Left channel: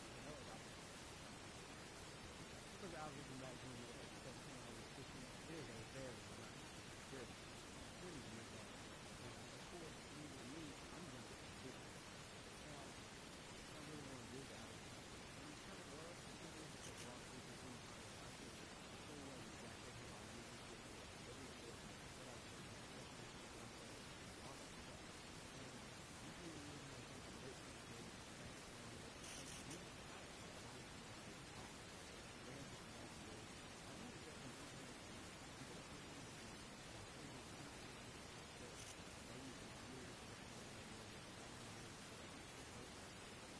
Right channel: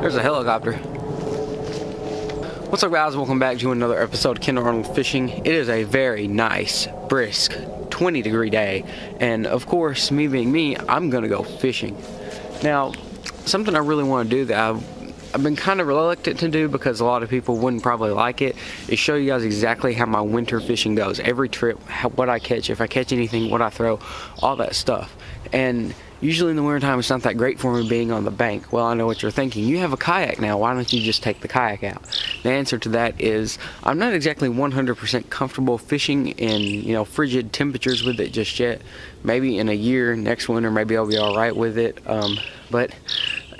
There's a helicopter. What's up, guys? Welcome back to another episode of Kendall Arnold Fishing. It is a very nice, brisk, 20-degree day, and of course, me being me, I'm gonna go fishing. Now, something I really want to do that I've been kind of reluctant to do because a lot of people wouldn't probably like it, is show you guys exactly how my winter fishing goes. Every trip, what I catch, if I catch anything, what I throw, all that stuff. And usually in the wintertime, it's not that great for me being on the bank. Well, I know what you're thinking. You have a kayak now. Why don't you just take the kayak out? The answer to that is I'm not exactly 100% comfortable fishing in, frigid temperatures with it just yet. Maybe in a year, next winter, maybe I'll be all right with it.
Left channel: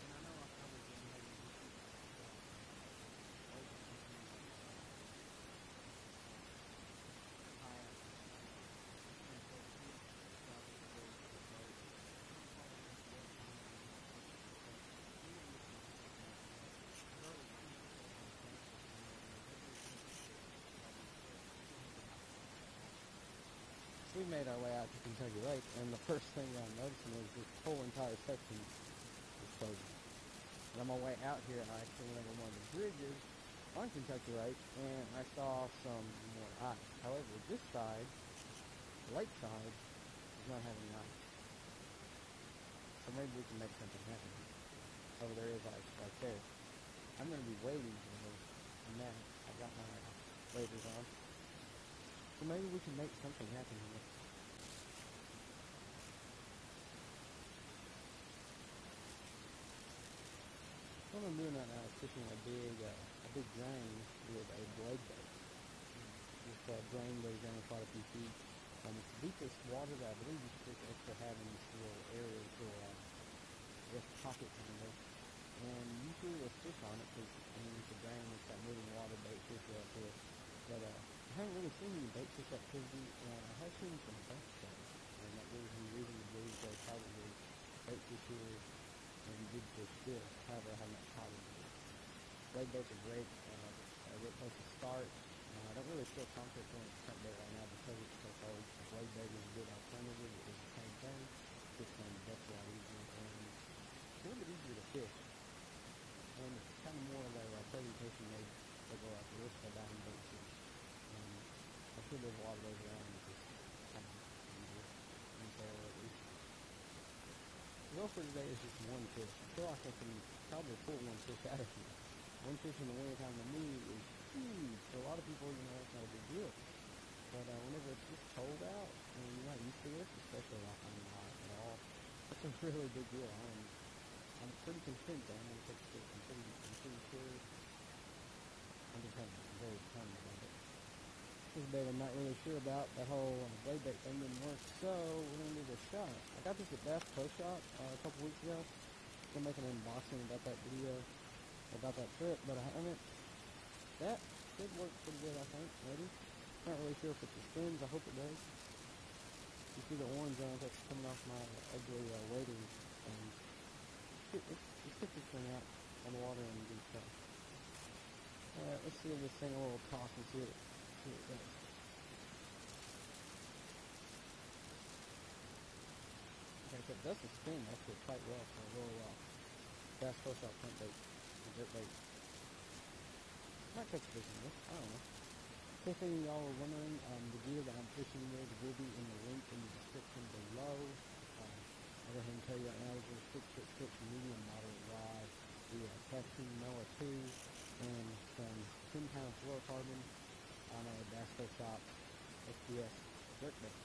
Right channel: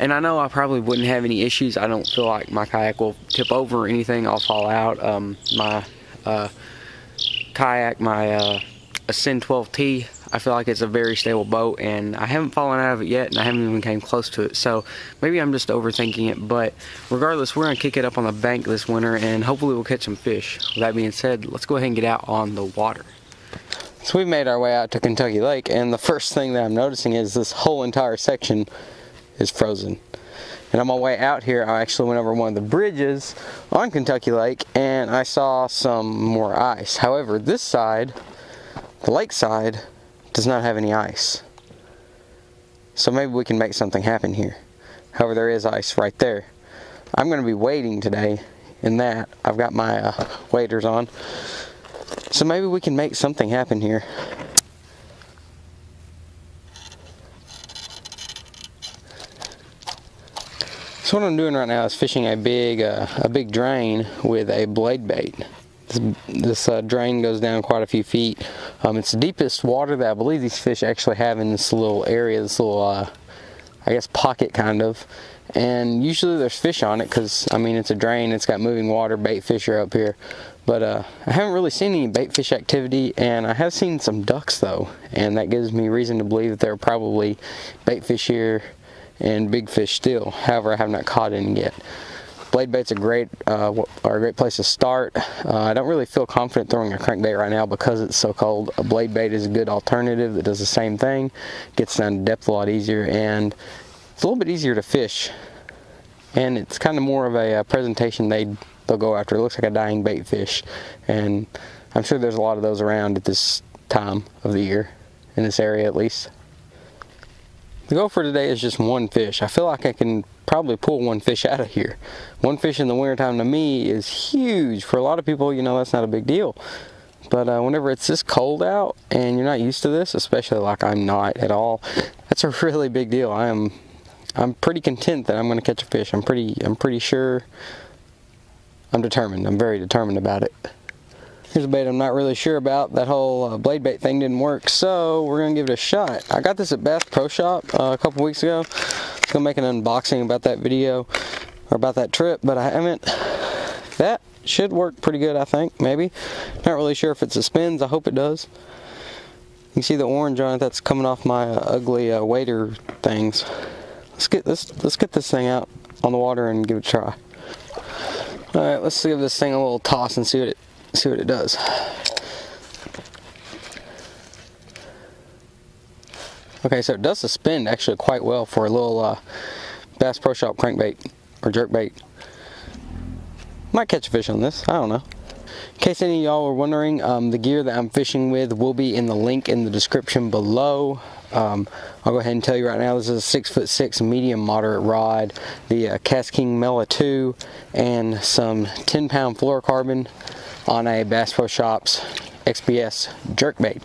And I know I probably wouldn't have any issues. I don't feel like my kayak will tip over or anything. I'll fall out. My kayak, my Ascend 12T, I feel like it's a very stable boat, and I haven't fallen out of it yet, and I haven't even came close to it. So maybe I'm just overthinking it, but regardless, we're gonna kick it up on the bank this winter, and hopefully we'll catch some fish. With that being said, let's go ahead and get out on the water. So we've made our way out to Kentucky Lake, and the first thing that I'm noticing is this whole entire section is frozen. And on my way out here, I actually went over one of the bridges on Kentucky Lake, and I saw some more ice. However, this side, the lake side, does not have any ice. So maybe we can make something happen here. However, there is ice right there. I'm going to be wading today in that. I've got my waders on. So maybe we can make something happen here. So what I'm doing right now is fishing a big drain with a blade bait. This drain goes down quite a few feet. It's the deepest water that I believe these fish actually have in this little area, this little, I guess, pocket kind of. And usually there's fish on it because, I mean, it's a drain, it's got moving water, bait fish are up here. But I haven't really seen any bait fish activity, and I have seen some ducks though. And that gives me reason to believe that there are probably bait fish here and big fish still. However, I have not caught any yet. Blade bait's a great place to start. I don't really feel confident throwing a crankbait right now because it's so cold. A blade bait is a good alternative that does the same thing, gets down to depth a lot easier, and it's a little bit easier to fish. And it's kind of more of a presentation they'll go after. It looks like a dying bait fish, and I'm sure there's a lot of those around at this time of the year, in this area at least. The goal for today is just one fish. I feel like I can probably pull one fish out of here. One fish in the wintertime to me is huge. For a lot of people, that's not a big deal. But whenever it's this cold out and you're not used to this, especially like I'm not at all, that's a really big deal. I'm pretty content that I'm going to catch a fish. I'm pretty sure. I'm determined. I'm very determined about it. Here's a bait I'm not really sure about. That whole blade bait thing didn't work, so we're going to give it a shot. I got this at Bass Pro Shop a couple weeks ago. I was going to make an unboxing about that video, or about that trip, but I haven't. That should work pretty good, I think, maybe. Not really sure if it suspends. I hope it does. You can see the orange on it. That's coming off my ugly wader things. Let's get this thing out on the water and give it a try. Alright, let's give this thing a little toss and see what it does. Okay, so it does suspend actually quite well for a little Bass Pro Shop crankbait or jerkbait. Might catch a fish on this, I don't know. In case any of y'all were wondering, the gear that I'm fishing with will be in the link in the description below. I'll go ahead and tell you right now, this is a 6'6" medium moderate rod, the Cast King Mela 2, and some 10-pound fluorocarbon on a Bass Pro Shops XPS jerkbait.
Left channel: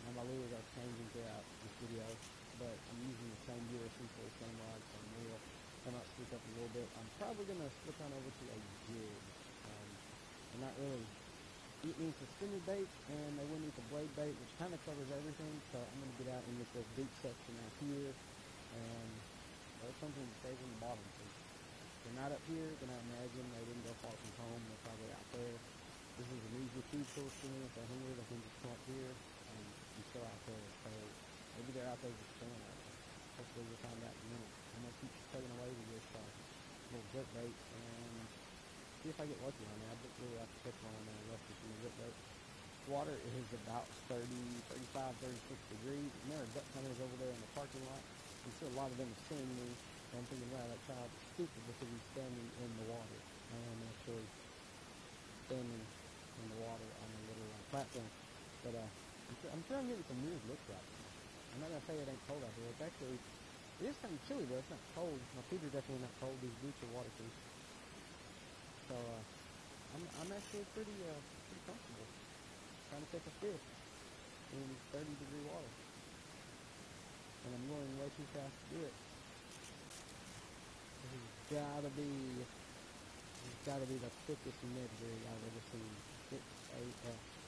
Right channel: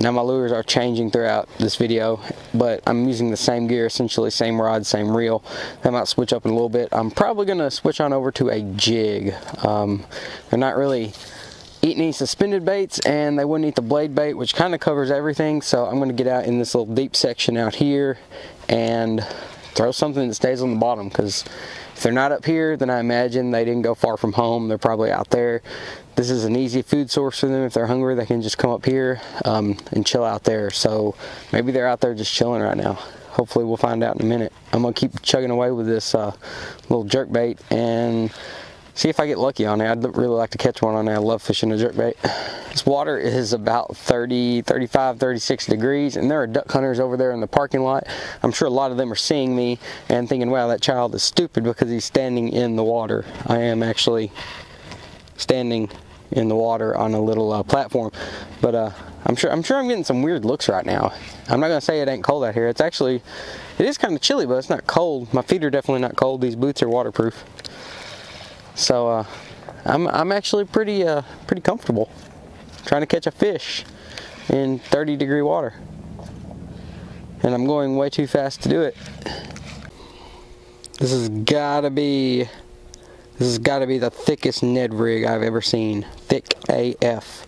Now my lures are changing throughout this video, but I'm using the same gear, essentially same rod, same reel. I might switch up in a little bit. I'm probably going to switch on over to a jig. They're not really eating any suspended baits, and they wouldn't eat the blade bait, which kind of covers everything. So I'm going to get out in this little deep section out here and throw something that stays on the bottom, because if they're not up here, then I imagine they didn't go far from home. They're probably out there. This is an easy food source for them. If they're hungry, they can just come up here and chill out there. So maybe they're out there just chilling right now. Hopefully we'll find out in a minute. I'm going to keep chugging away with this little jerkbait and see if I get lucky on it. I'd really like to catch one on it. I love fishing a jerkbait. This water is about 30, 35, 36 degrees, and there are duck hunters over there in the parking lot. I'm sure a lot of them are seeing me and thinking, wow, that child is stupid because he's standing in the water. I am actually standing in the water on a little platform, but I'm sure I'm getting some weird looks right now. I'm not gonna say it ain't cold out here. It is kind of chilly, but it's not cold. My feet are definitely not cold. These boots are waterproof, so I'm actually pretty comfortable trying to catch a fish in 30-degree water, and I'm going way too fast to do it. This has gotta be the thickest Ned rig I've ever seen. Thick AF.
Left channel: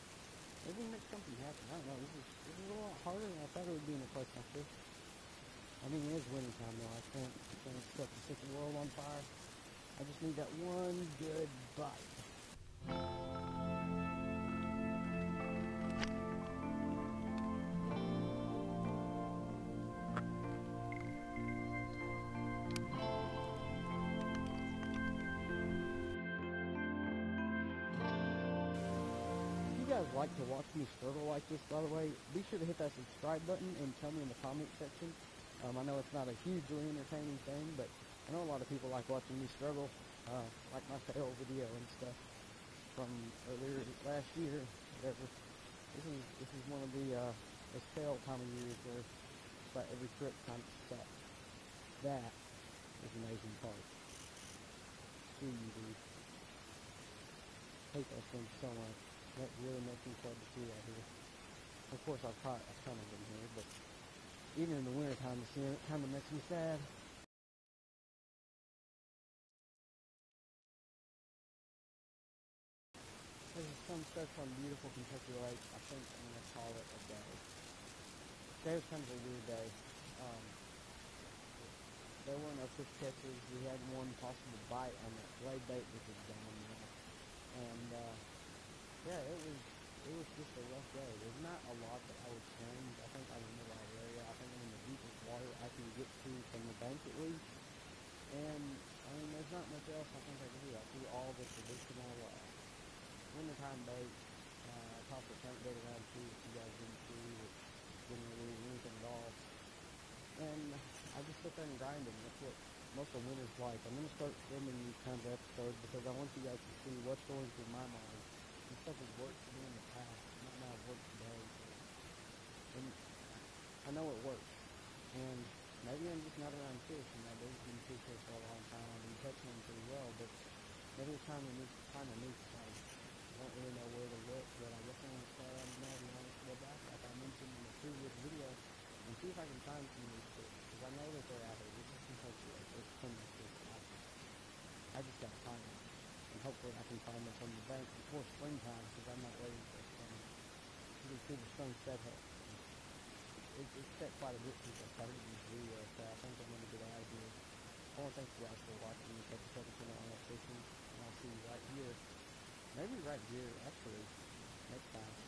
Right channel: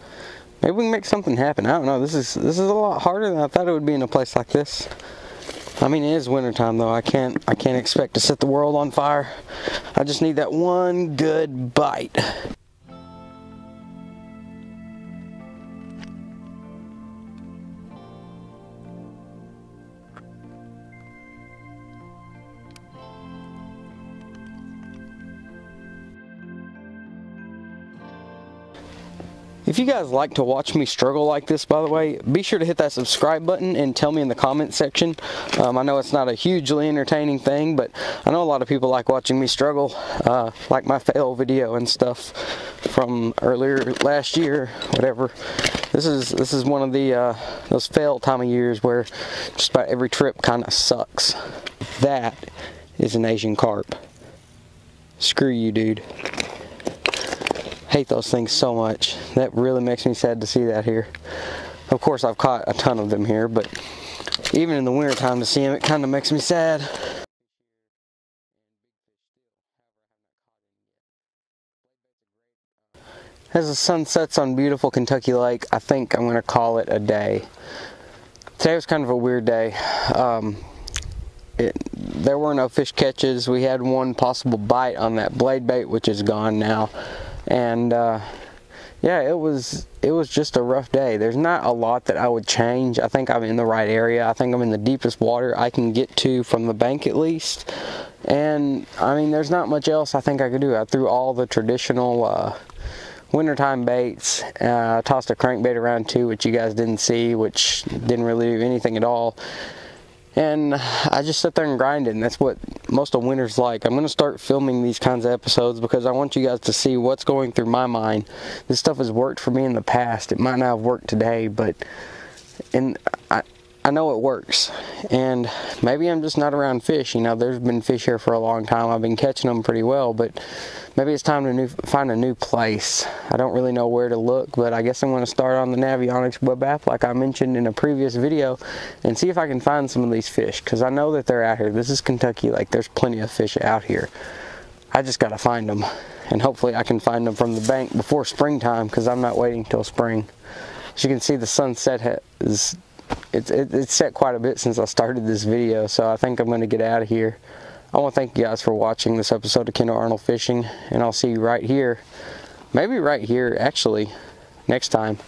Maybe we can make something happen. I don't know. This is a lot harder than I thought it would be in a place like this. I mean, it is wintertime though. I can't expect to set the world on fire. I just need that one good bite. If you guys like to watch me struggle like this, by the way, be sure to hit that subscribe button and tell me in the comment section. I know it's not a hugely entertaining thing, but I know a lot of people like watching me struggle, like my fail video and stuff from earlier last year, whatever. This is one of the those fail time of years where just about every trip kind of sucks. That is an Asian carp. Screw you, dude. Hate those things so much. That really makes me sad to see that here. Of course, I've caught a ton of them here, but even in the winter time to see them, it kind of makes me sad. As the sun sets on beautiful Kentucky Lake, I think I'm going to call it a day. Today was kind of a weird day. There were no fish catches. We had one possible bite on that blade bait, which is gone now. And yeah, it was just a rough day. There's not a lot that I would change. I think I'm in the right area. I think I'm in the deepest water I can get to from the bank at least. And I mean, there's not much else I think I could do. I threw all the traditional wintertime baits. Tossed a crankbait around too, which you guys didn't see, which didn't really do anything at all. And I just sit there and grind it, and that's what most of winter's like. I'm going to start filming these kinds of episodes because I want you guys to see what's going through my mind. This stuff has worked for me in the past. It might not have worked today, but I know it works. And maybe I'm just not around fish. You know, there's been fish here for a long time. I've been catching them pretty well, but maybe it's time to find a new place. I don't really know where to look, but I guess I'm going to start on the Navionics web app like I mentioned in a previous video and see if I can find some of these fish, because I know that they're out here. This is Kentucky Lake. There's plenty of fish out here. I just got to find them, and hopefully I can find them from the bank before springtime, because I'm not waiting till spring. As you can see, the sunset it's set quite a bit since I started this video, so I think I'm going to get out of here. I want to thank you guys for watching this episode of Kendall Arnold Fishing, and I'll see you right here, maybe right here actually, next time.